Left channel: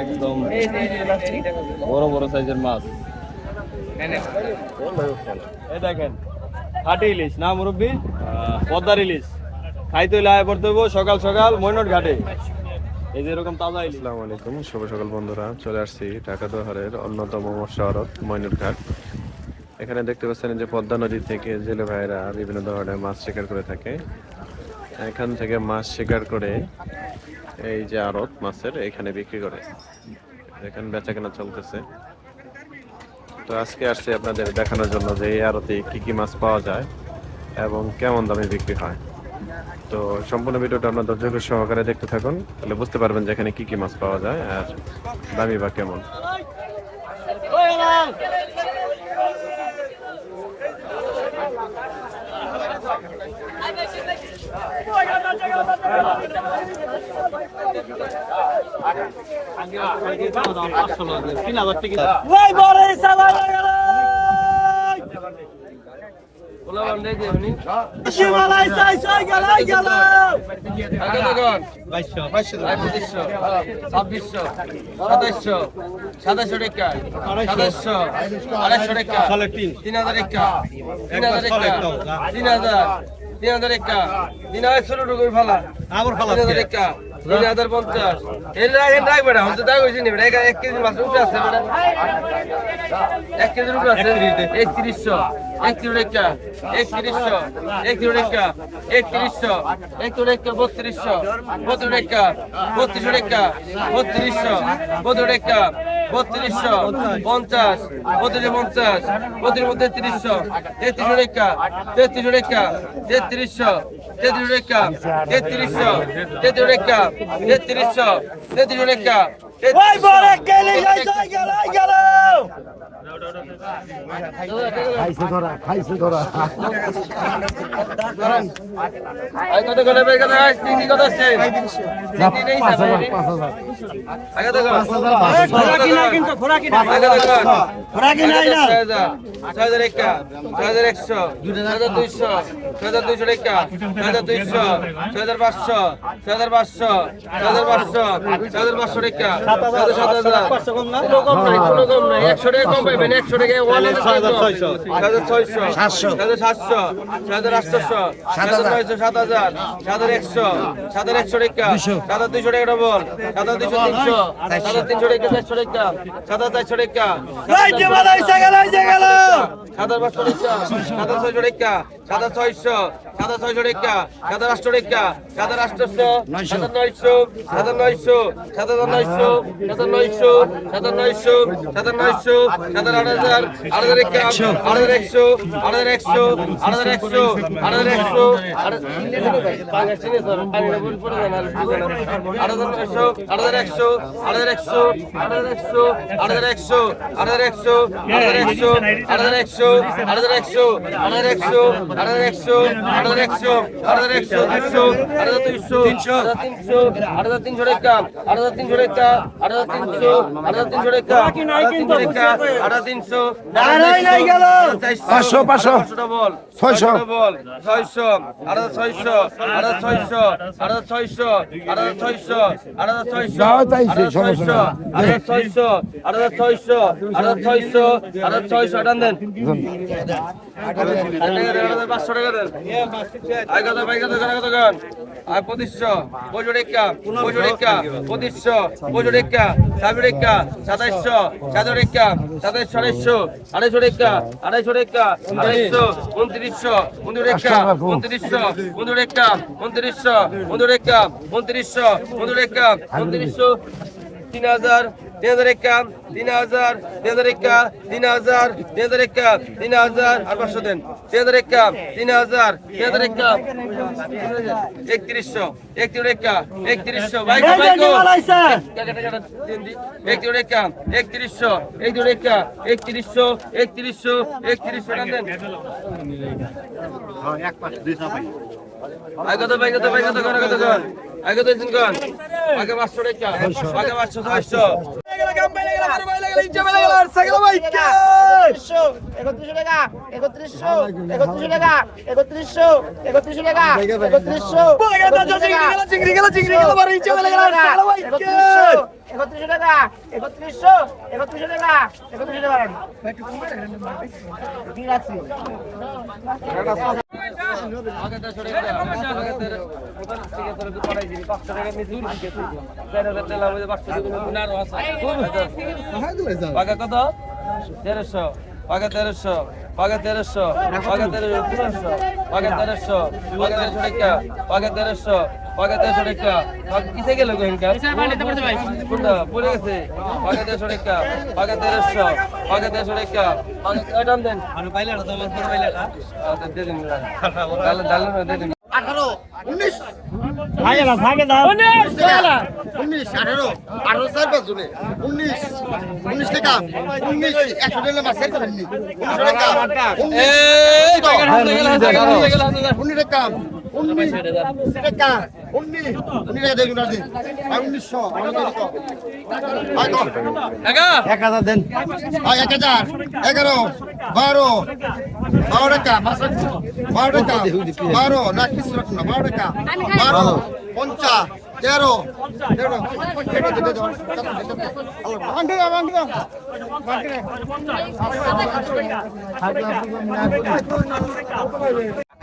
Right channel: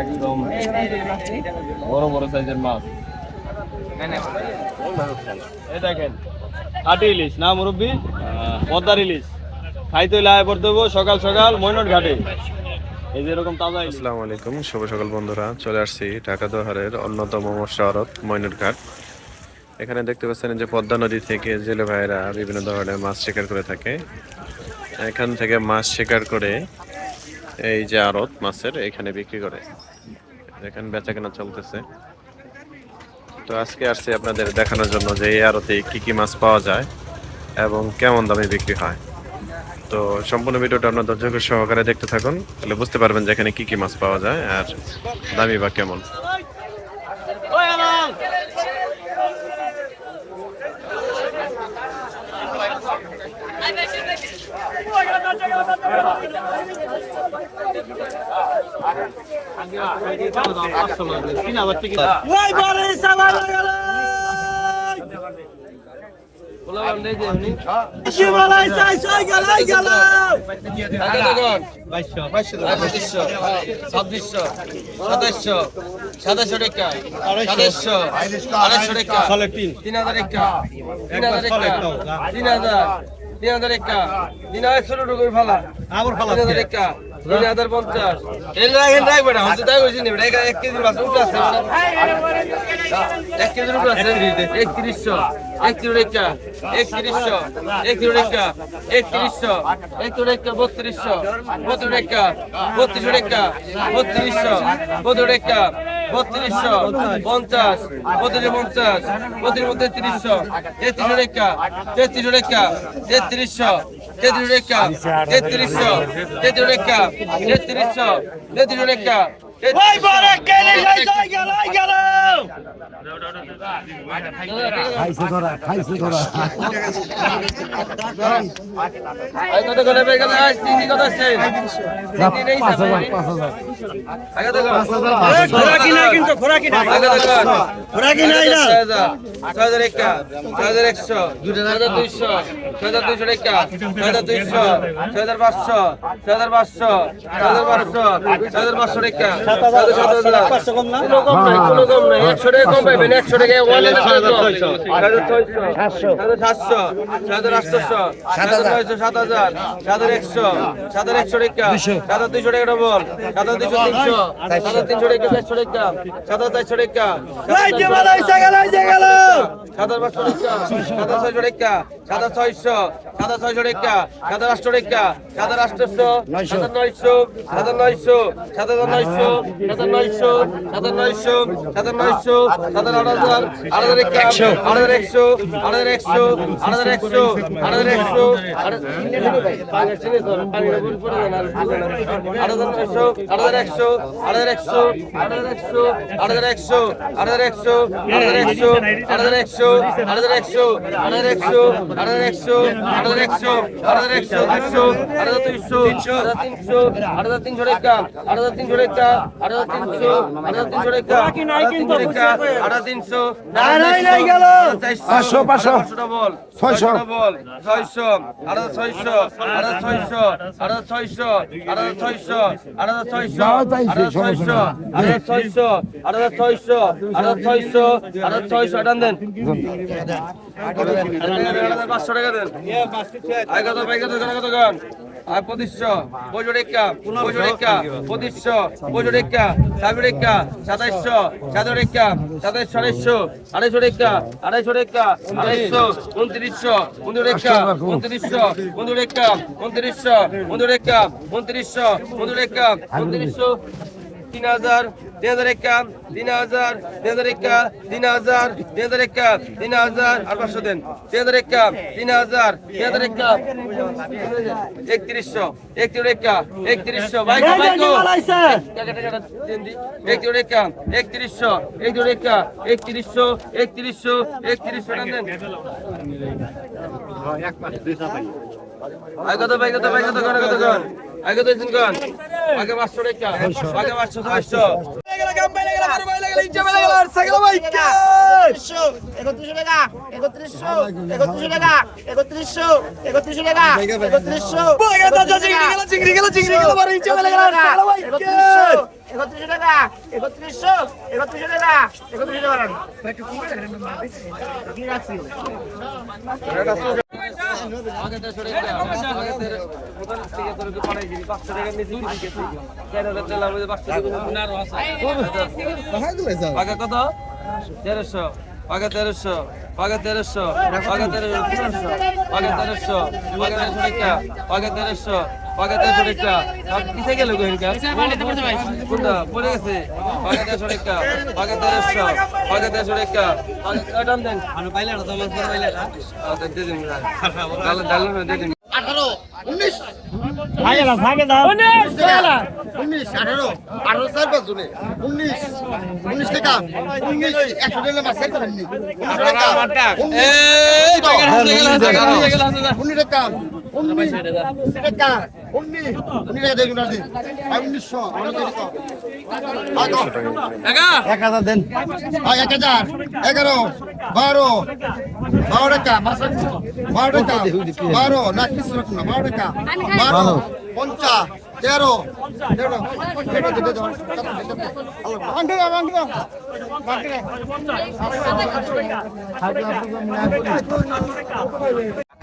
একদম বড় বড় সাইজের মাছ। এই দেখেন কাটি ইলিশ না মুরব্বী, পদ্মার ইলিশ খাইতে হইলে আয় করতে হবো সকাল সকাল ময়নট ঘাটে। এই যে এরকম তাজা। আসসালামু আলাইকুম, শুভ সকাল বন্ধুরা। চলে আসছি ঢাকা দোহারের অন্যতম মৎস্য আড়ত ময়নট ঘাট। এখানে দেখতে পাচ্ছেন যে পদ্মা নদী থেকে জেলে ভাইয়েরা বিভিন্ন ধরনের মাছ শিকার করে থাকে। এখান থেকে মাছ শিকার করে এই যে আড়ত মাছের এখানে বিক্রি করে, এখানে বেচা কেনা চলতেছে। তো আজকে আসছি আপনাদের দেখানোর জন্য যে এই আড়তে কি কি মাছ পাওয়া যায় এবং কেমন দামে বিক্রি হয়। তো সম্পূর্ণ ভিডিওটা আপনার ধৈর্য সহকারে দেখতে থাকুন, তাহলে বুঝতে পারবেন যে এখানে কি কি মাছ পাওয়া যায় আর দামি বা কেমন। চিংড়ি গেল টাকা 3100 টাকা 3100 টাকা কি রাখছি পাকা কত 1300 পাকা 1300 পাকা 1300 পাকা 1300 পাকা 1300 পাকা 1300 পাকা 1300 টাকা কিসে গেল গহিনকা পড়ে গেছে পাকা 1300 টাকা পাকা 1300 পাকা 1300 টাকা কাটাম দেন আমি পাইলে না তোমার পরে পাইলে না দে দিন ডাল ডাল দে দিন 18 19 ভাগে দাও 19 18 18 স্যার বাজুনে 19 টাকা 19 100 দিলে মাসে করেন নি 19 টাকা 19 টাকা 19 টাকা 19 টাকা দেখুন আর দিন 1900 1000 দেন 1000 11 12 টাকা মাসে 12 টাকা 12 না কিছু রাখুন না 12 টাকা 12 50 13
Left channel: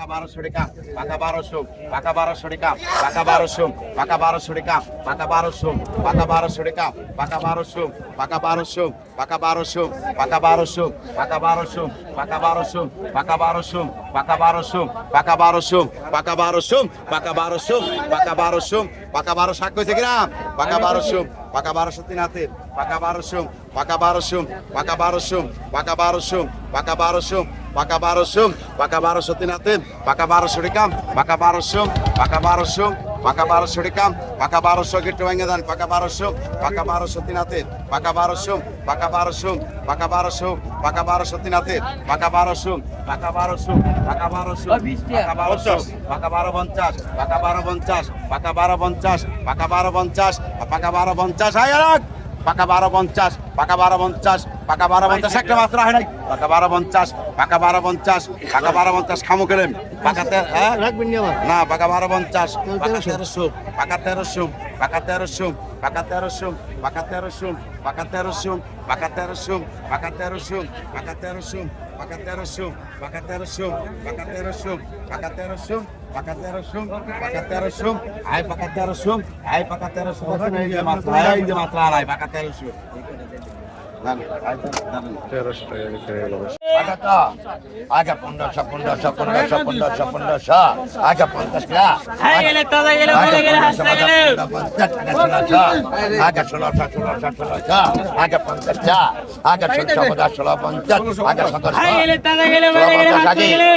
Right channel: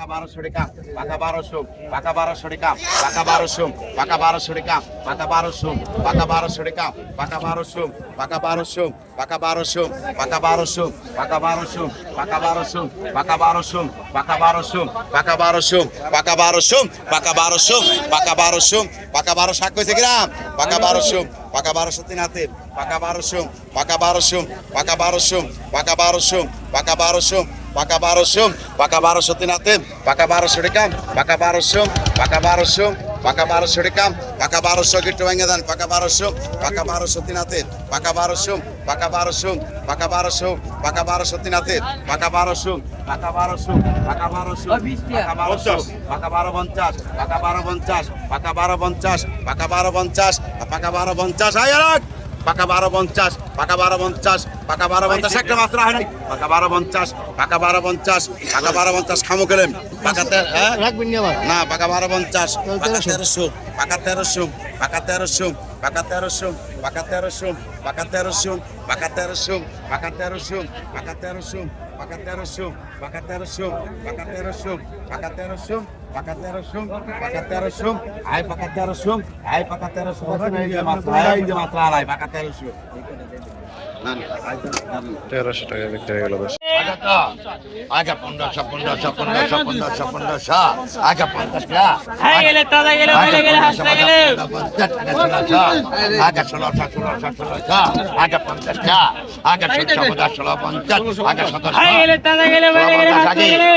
1200 টাকা পাকা 1200 পাকা 1200 টাকা পাকা 1200 পাকা 1200 টাকা পাকা 1200 পাকা 1200 টাকা পাকা 1200 পাকা 1200 পাকা 1200 পাকা 1200 পাকা 1200 পাকা 1200 পাকা 1200 পাকা 1200 পাকা 1200 পাকা 1200 পাকা 1200 পাকা 1200 পাকা 1200 শাক কইছে গ্রাম পাকা 1200 পাকা 1200 তিনাতে পাকা 1200 পাকা 1200 পাকা 1200 পাকা 1200 পাকা 1200 পাকা 1200 পাকা 1200 তিনাতে পাকা 1200 টাকা পাকা 1200 পাকা 1200 পাকা 1200 টাকা পাকা 1200 গিট্টু ভাঙে দেন পাকা 1200 পাকা 1200 তিনাতে পাকা 1200 পাকা 1200 পাকা 1200 পাকা 1200 তিনাতে পাকা 1200 পাকা 1200 পাকা 1200 পাকা 1250 পাকা 1250 পাকা 1250 পাকা 1250 পাকা 1250 আয় রাখ পাকা 1250 পাকা 1250 পাকা 1250 একটা মাত্রা হয় নাই পাকা 1250 পাকা 1250 পাকা 1250 খামু গেলেন পাকাতে হ্যাঁ রাখবেন নি আবার না পাকা 1250 পাকা 1300 পাকা 1300 পাকা 1300 পাকা 1300 পাকা 1300 পাকা 1300 পাকা 1300 পাকা 1300 পাকা 1300 পাকা 1300 পাকা 1300 পাকা 1300 পাকা 1300 পাকা 1300 পাকা 1300 আই পাকা 1300 আই পাকা 1300 এই যে মাত্রা আলাই পাকা 1300 1300 টাকা বিক্রি হয়ে গেল বেশ। আগে 1500 আগে 50 টাকা হাই গেলে তাজা গেলে বলে গেলে হাসতে গেলে আগে 1600 আগে 50 টাকা আগে 1650 আগে 17 হাই গেলে তাজা গেলে বলে গেলে হাসতে গেলে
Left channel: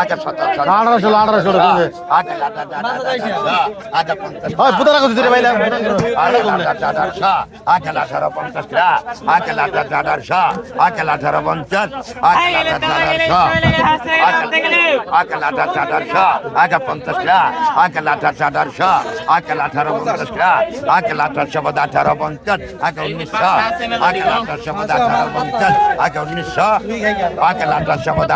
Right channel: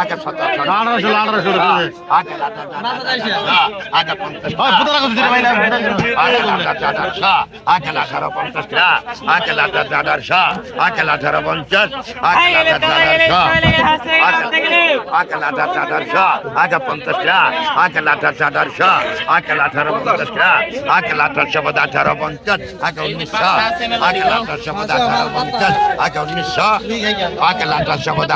আগে 1800 আগে 50 ওই পুতরা কত দিতে পাইলা আগে 1850 টাকা আগে 1850 আগে 1850 হাই গেলে তাজা গেলে বলে গেলে হাসতে গেলে আগে 1850 আগে 50 টাকা আগে 1850 আগে 1850 টাকা আগে 1850 আগে 1900 আগে 1850 আগে 1900 আগে 1850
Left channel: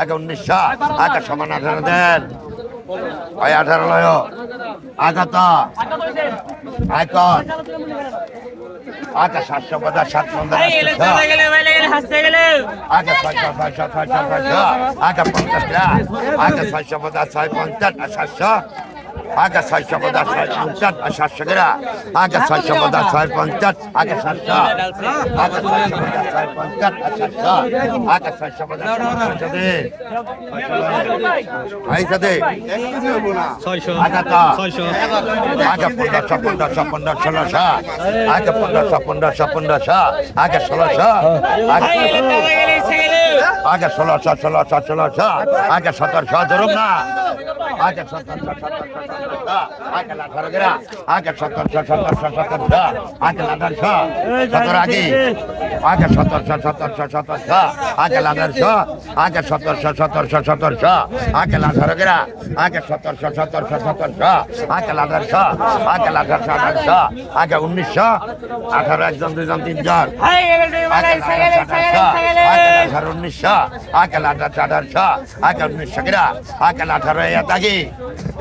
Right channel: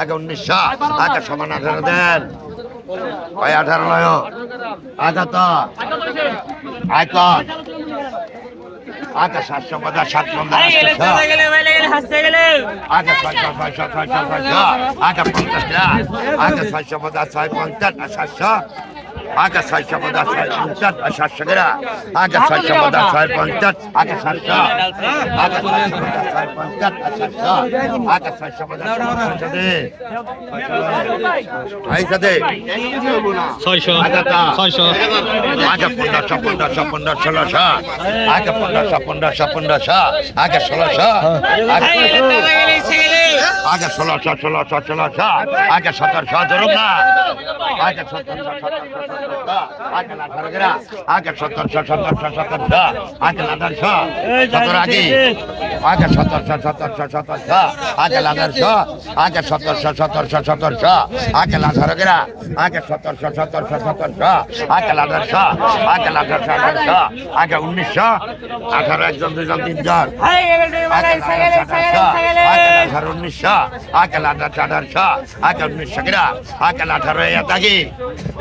আগে 1900 আগে সমান 18 দেন ওই 18 লয় আগে তো আয়তন আগে 750 750 হাই গেলে তাজা গেলে বলে গেলে হাসতে গেলে আগে 650 আগে 50 টাকা আগে 650 750 আগে 650 750 টাকা আগে 650 আগে 700 আগে 650 আগে 650 দে এই সাথে 600 আগে তো 600 আগে 15 1600 আগে 15 আগে 1600 হাই গেলে তাজা গেলে এসে গেলে আগে 1600 আগে 1700 ধরুন না আগে 1700 আগে 18 গেরা আগে 1700 আগে 1800 আগে আগে 1700 আগে 1800 আগে 1700 আগে 18 গেরা আগে 1700 আগে 1800 আগে 1800 আগে 1900 18 একজন দুইজন তিনজন হাই গেলে বলে এসে গেলে আগে 1900 আগে 1800 আগে 1900 গেরা আগে 18 আগে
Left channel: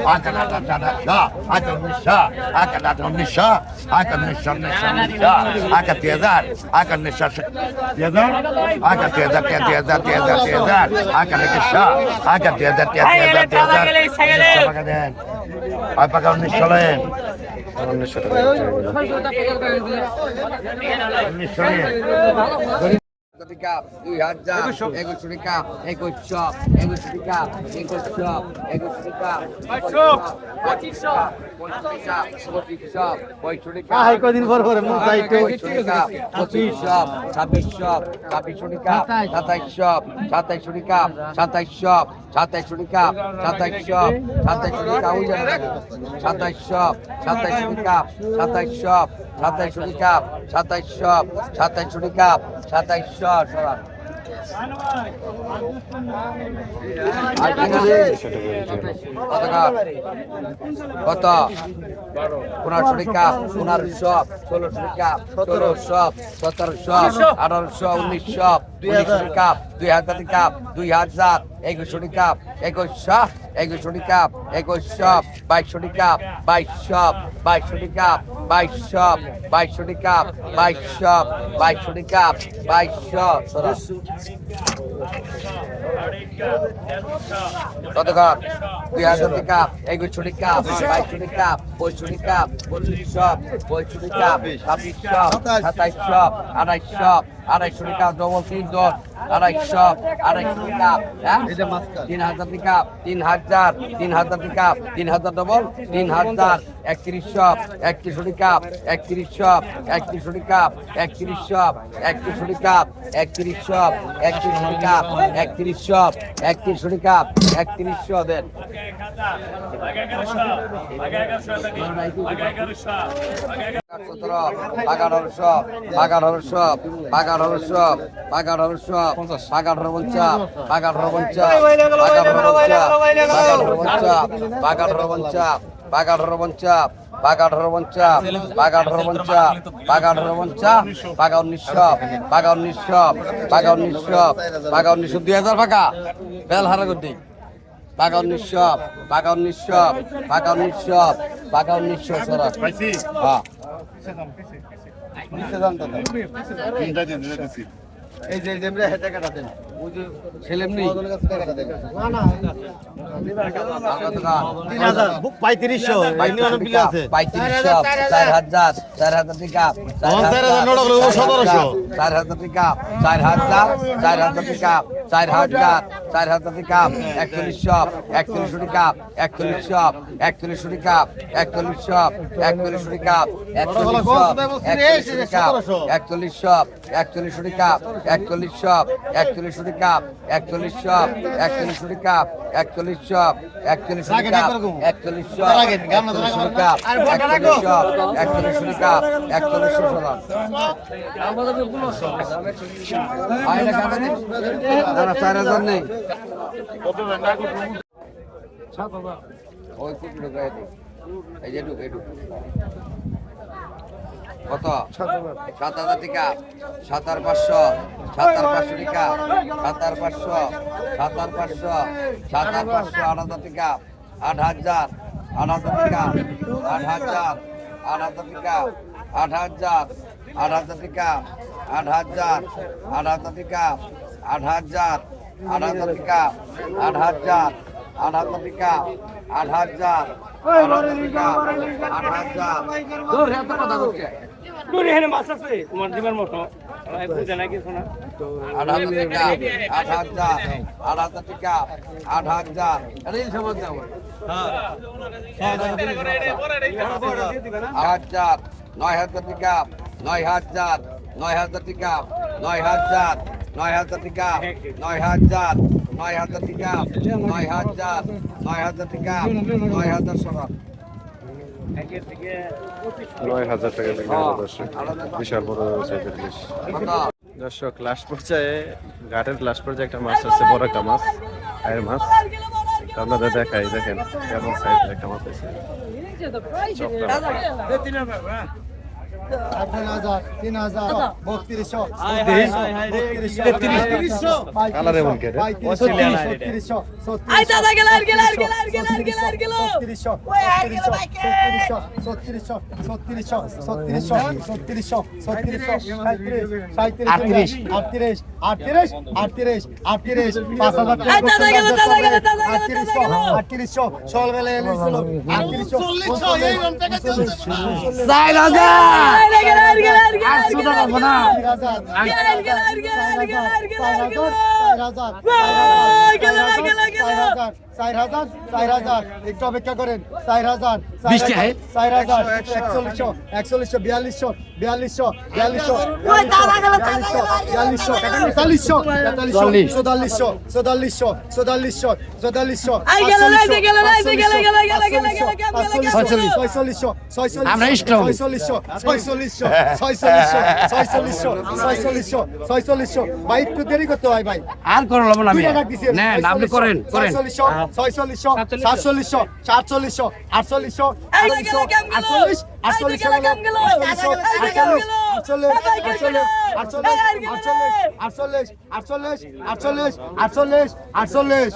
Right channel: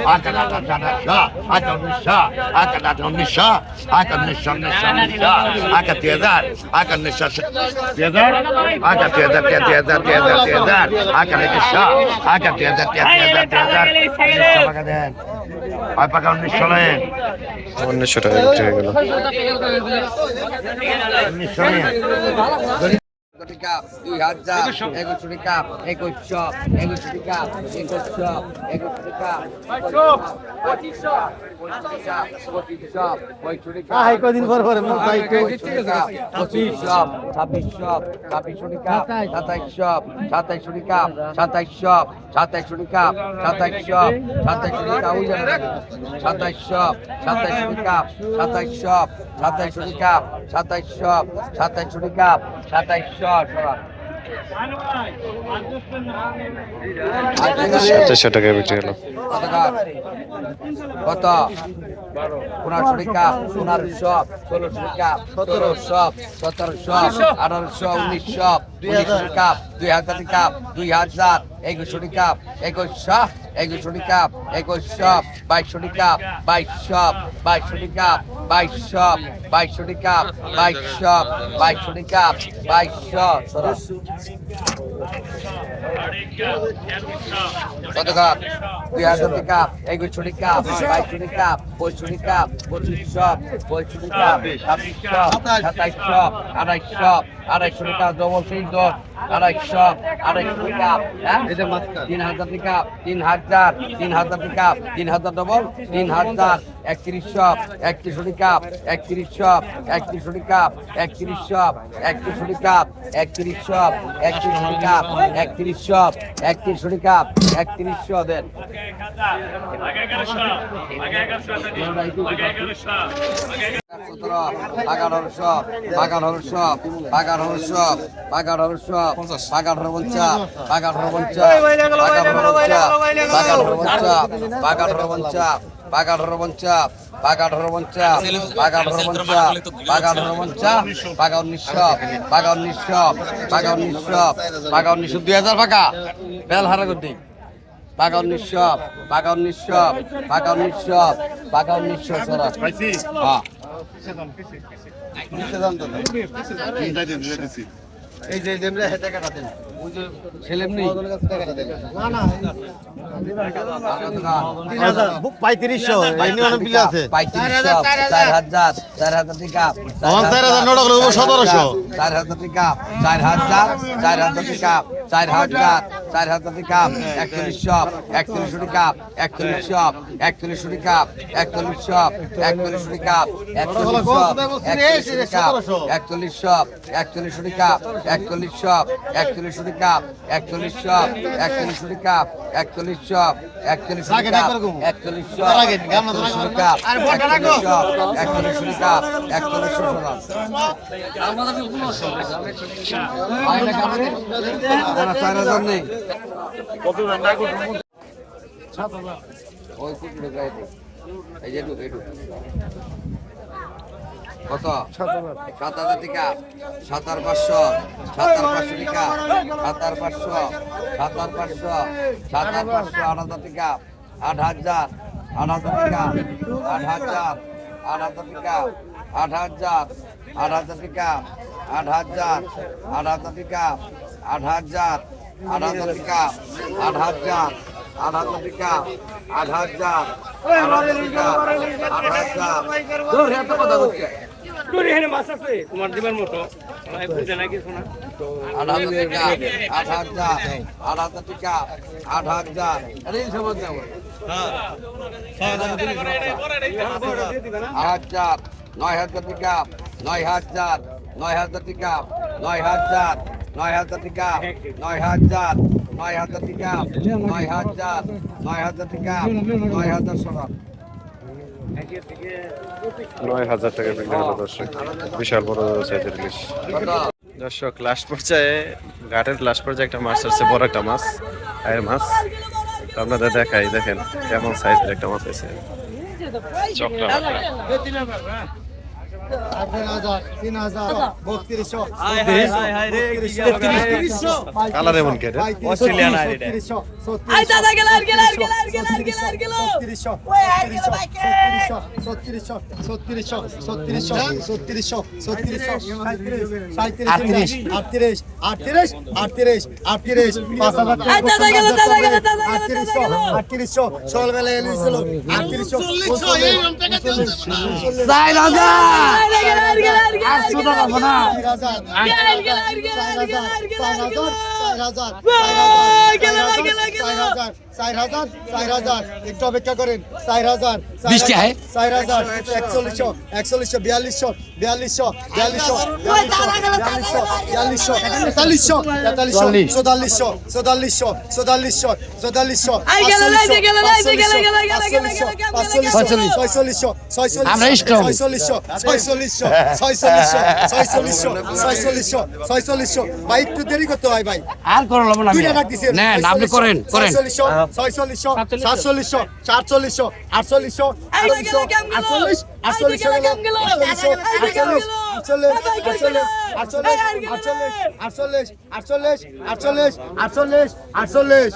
আগে উনিশশো টাকা বিক্রি হয়ে গেল। টাকা 2000 2100 টাকা 2100 2100 টাকা 2100 2100 টাকা 2500 টাকা হাই কদিন পর পর মুখ ভাই তো 2500 2600 2700 টাকা 2700 2700 টাকা 2700 2700 টাকা 2700 2700 টাকা ওই জায়গা 2700 2700 টাকা 2700 2700 টাকা 2700 2700 টাকা 2700 চারশো টাকায় বিক্রি হলো। কত 1500 টাকা 1500 1600 টাকা 1700 1700 1800 1900 1900 টাকা 2000 টাকা 2000 2100 টাকা 2100 2100 টাকা 2100 2200 টাকা 2200 2200 টাকা 2200 2200 টাকা 2200 2200 টাকা 2200 কত কাপ 2000 টাকা 2100 টাকা 2200 টাকা 2500 টাকা 2500 টাকা 2600 2700 2800 2800 টাকা ডবল 3 দশ 2800 2800 টাকা হ্যাঁ 3000 টাকা 3000 3000 টাকা 3000 ডবল 3000 3100 3100 টাকা 3100 3100 টাকা 3100 3100 টাকা 3100 3100 টাকা 3100 3100 টাকা 3100 দেন 2000 টাকা বেল হারা করতে 1900 সারা হ্যাঁ এই যে যেমরা হেটা কাটা দেন ছেলেম নেই টাকাটা দেন না 3500 এনে অনেক বিল আছে 3500 4000 4000 টাকা 4000 নোট হলো 1700 4000 টাকা 4000 4000 টাকা 4000 4000 টাকা 4100 4100 টাকা 4100 4100 টাকা 4100 4100 টাকা 4100 টাকা 4100 4100 টাকা 4100 4100 টাকা 4100 4100 টাকা 4100 4100 টাকা 4100 টাকা 4100 টাকা 4100 সোনা আয়না কানে না 4000 নেই ওই কুটি ঢুকাই দে এই যে ঢুক কত 7000 টাকা 7500 7500 টাকা 7500 7500 7500 8000 টাকা 8000 8000 টাকা 8000 8000 টাকা 8000 8000 টাকা 8000 8000 টাকা 8000 8000 টাকা 8000 8000 টাকা 8000 8000 টাকা 8000 দূর হে তো কথা করছে দূরে হেনে মাছ আছে তোমার দিবের মতো ভাই বুঝে না কিছু না 8000 টাকা 8000 8000 টাকা 8000 আরে এই সমাজ দাও হ্যাঁ 8000 9000 টাকা 9000 9000 টাকা 9000 9000 টাকা 9000 9000 টাকা 9000 9000 টাকা 9000 সোনা 9000 টাকা বিক্রি হলো দর্শক। বিশাল বড় সাইজের ইলিশ। দর্শক লাস্ট পর্যায়ে ঘাটের লাস্ট পর্যায়ে একটা মাছ আসছে, বড় একটা মাছ, আয়ের মাছ। তো আপনাদের দেখাই, দেখেন কেমন সাইজের একটা মাছ আছে, চক্রা মাছ। কালার এমন কেটে আই দাদা গেল আর গেল আর গেল আর গেল আর গেল আর গেল ওই আর গেল ভাই কে আই দাদা গেল দাদা গেল দাদা গেল দাদা গেল চার হাজার আর গেল আর গেল আর গেল 800 টাকা পাবো না আর গেল আর গেল আর গেল আর গেল আর গেল গেল গেল গেল 4,000 একটু অপেক্ষা করেন 4,000 20 টাকা 4,000 4100 4200 ওই দাদা গেল দাদা গেল আই গেল রাইতে গেল রাইতে গেল গেল গেল গেল আমরা স্ট্রং। 46 ভাই একটু দেরি করতে হয় ভাই আর করো লব না দুইটা ডাক দিছেন। না আপনি করেন করেন 46 47 48 আই গেল কাম গেল আই গেল কাম গেল আটচল্লিশ